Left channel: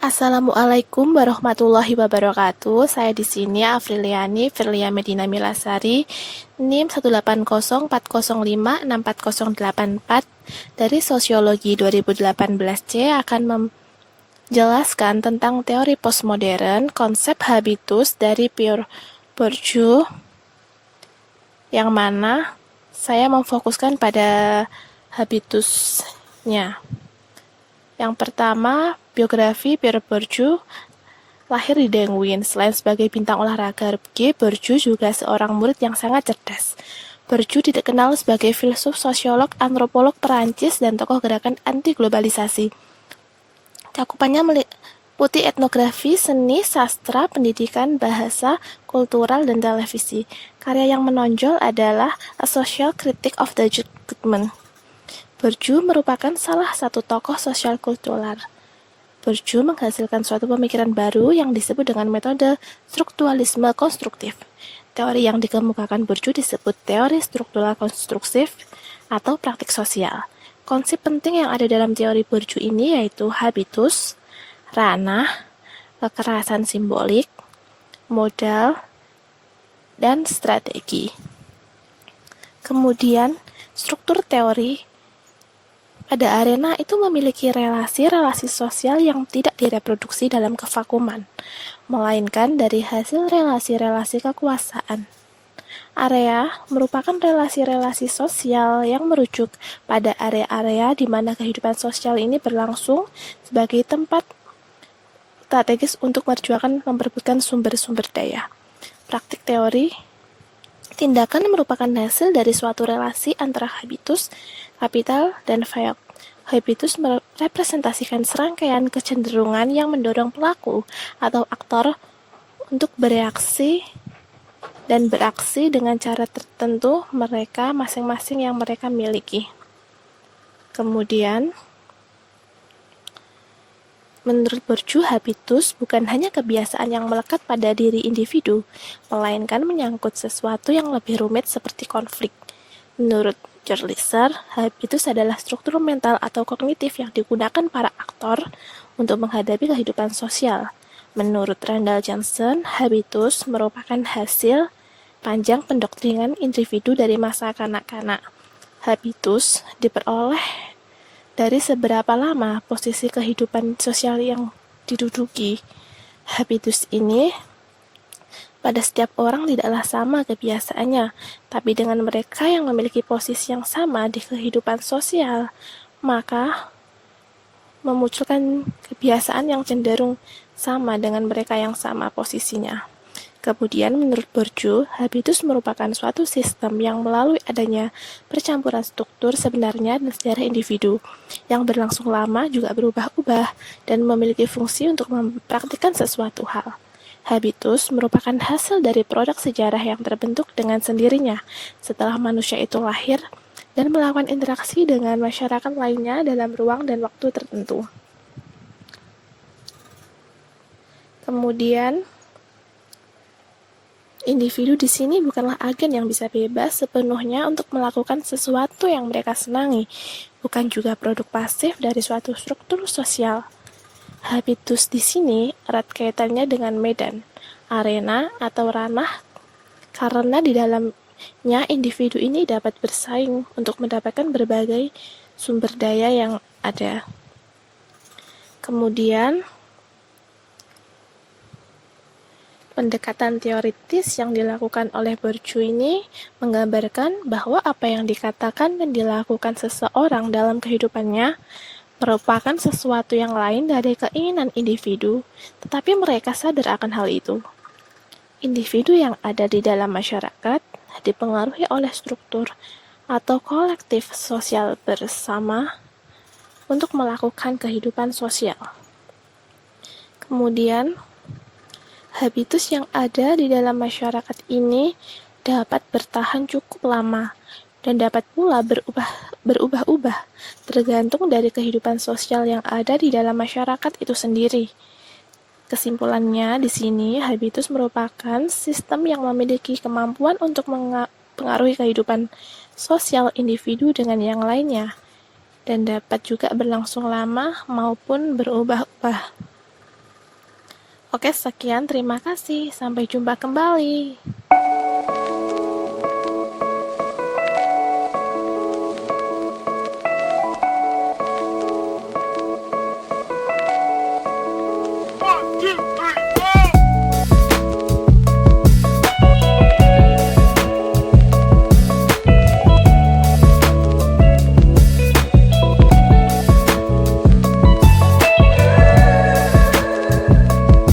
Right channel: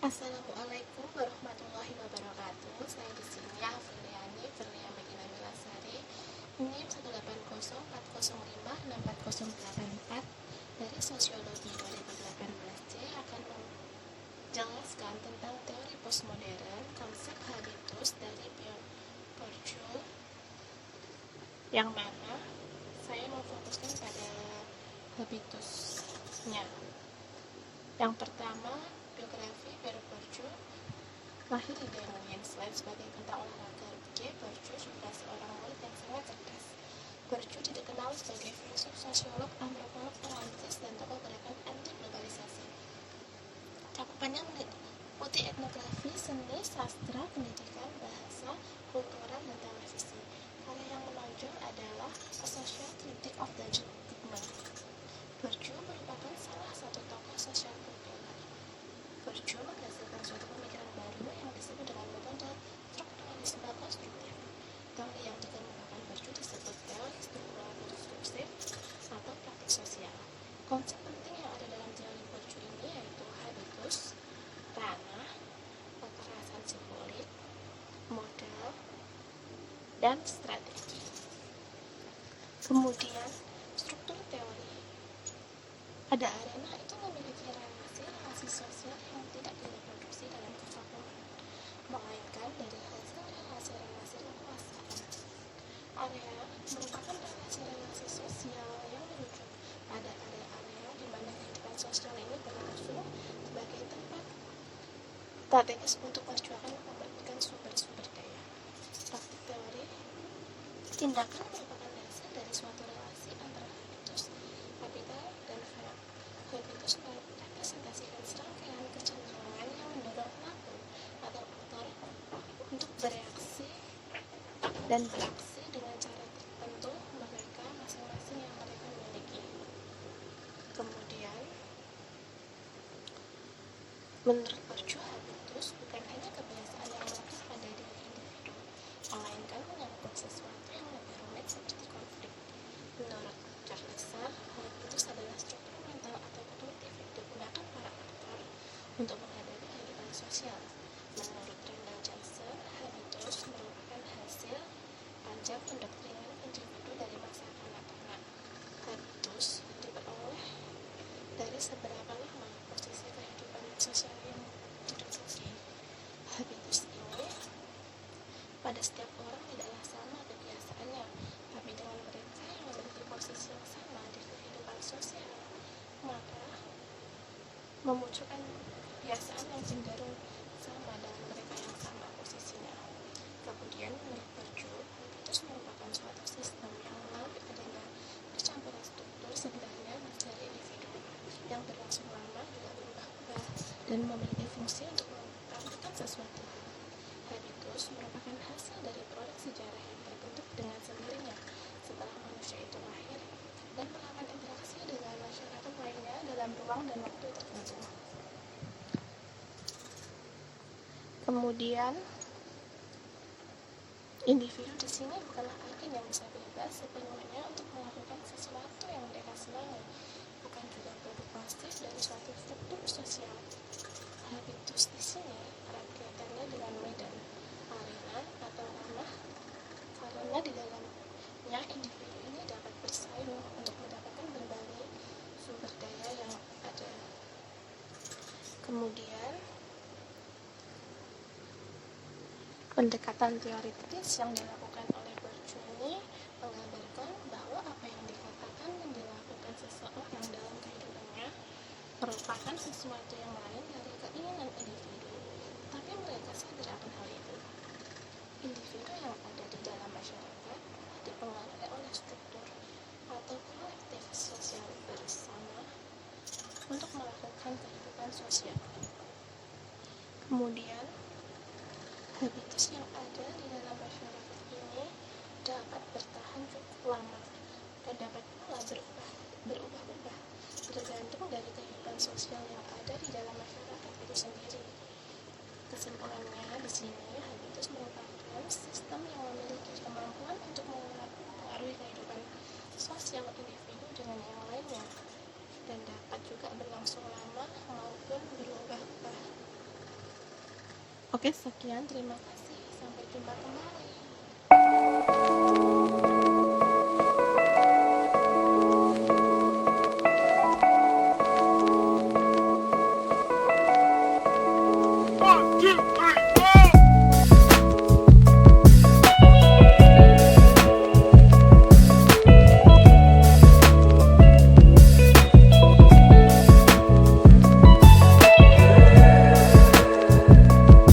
Assalamualaikum warahmatullahi wabarakatuh. Saya di sini Afriliani Firlia Medina Milasari, NIM 18040564084 dari Sosiologi 2018C akan menjelaskan tentang teori postmodern, konsep habitus dari Pierre Bourdieu, yang mana saya memfokuskan pada habitusnya. Yang pertama, biografi Pierre Bourdieu. Lahir di Dengwin, selain sebagai bintang olahraga, Bourdieu juga seorang murid yang sangat cerdas. Bourdieu dikenal sebagai filsuf, sosiolog, antropolog Perancis, dan tokoh gerakan anti-globalisasi. Cakupannya meliputi etnografi, seni, sastra, pendidikan, bahasa, kultural, dan televisi. Karya yang menonjol adalah A Social Critique of the Judgment. Bourdieu merupakan salah satu tokoh sosial kultural. Bourdieu menghasilkan suatu pemikiran baru yang disebut dengan metode strukturalisme konstruktif. Teori yang dikemukakan Bourdieu disebut teori struktural konstruktif atau praktik sosial. Konsep penting yang ada dalam teori Bourdieu ini yaitu habitus, ranah, kekerasan simbolik, modal, dan strategi. Kemudian, struktur teori pada arena itu memiliki relasi-relasi sosial yang tidak direproduksi dalam kevakuman, melainkan dari hasil relasi-relasi kekuasaan. Area merupakan relasi-relasi sosial yang merujuk pada area-area di mana kehidupan sosial ini berlangsung sebagai tempat strategis untuk memperebutkan sumber-sumber daya. Praktik teori tindakan merupakan hasil dari suatu relasi antara habitus, kapital, dan fayok. Habitus merepresentasikan serangkaian kecenderungan yang mendorong pelaku atau aktor untuk bereaksi dan beraksi dengan cara tertentu mereka masing-masing yang mereka miliki. Kemudian, menurut Bourdieu, habitus bukan hanya kebiasaan yang melekat pada diri individu, melainkan menyangkut sesuatu yang lebih rumit seperti konflik. Menurut Gerliser, habitus adalah struktur mental atau kognitif yang digunakan para aktor untuk menghadapi kehidupan sosial. Menurut Randall Johnson, habitus merupakan hasil panjang pendoktrinan individu dari masa kanak-kanak. Habitus diperoleh dari seberapa lama posisi kehidupan sosial yang diduduki. Habitus ini pada setiap orang tidaklah sama kebiasaannya, tapi dengan mereka yang memiliki posisi yang sama di kehidupan sosial, maka memunculkan kebiasaan yang cenderung sama dengan mereka yang sama posisinya. Kemudian, menurut Bourdieu, habitus merupakan suatu sistem yang melalui adanya percampuran struktur sebenarnya dan sejarah individu, yang berlangsung lama juga berubah-ubah dan memiliki fungsi untuk mempraktikkan sesuatu hal. Habitus merupakan hasil dari produk sejarah yang terbentuk dengan sendirinya setelah manusia itu lahir dan melakukan interaksi dengan masyarakat lainnya dalam ruang dan waktu tertentu. Kemudian, individu di sini bukanlah agen yang bisa bebas sepenuhnya untuk melakukan sesuatu yang mereka senangi, bukan juga produk pasif dari suatu struktur sosial. Habitus di sini erat kaitannya dengan medan, arena, atau ranah, karena di dalamnya individu ini dapat bersaing untuk mendapatkan berbagai sumber daya yang ada. Kemudian, pendekatan teoritis yang dilakukan oleh Bourdieu ini menggambarkan bahwa apa yang dikatakan dan dilakukan seseorang dalam kehidupannya merupakan sesuatu yang lain dari keinginan individu, tetapi mereka sadar akan hal itu. Individu yang ada di dalam masyarakat dipengaruhi oleh struktur atau kolektif sosial bersama untuk melakukan kehidupan sosial. Kemudian, habitus yang ada di dalam masyarakat ini dapat bertahan cukup lama dan dapat pula berubah-ubah tergantung dari kehidupan sosial yang ada di dalam masyarakat itu sendiri. Kesimpulannya di sini, habitus merupakan sistem yang memiliki kemampuan untuk mempengaruhi kehidupan sosial individu dengan yang lainnya dan dapat juga berlangsung lama maupun berubah-ubah. Oke, sekian. Terima kasih. Sampai jumpa kembali. One, two.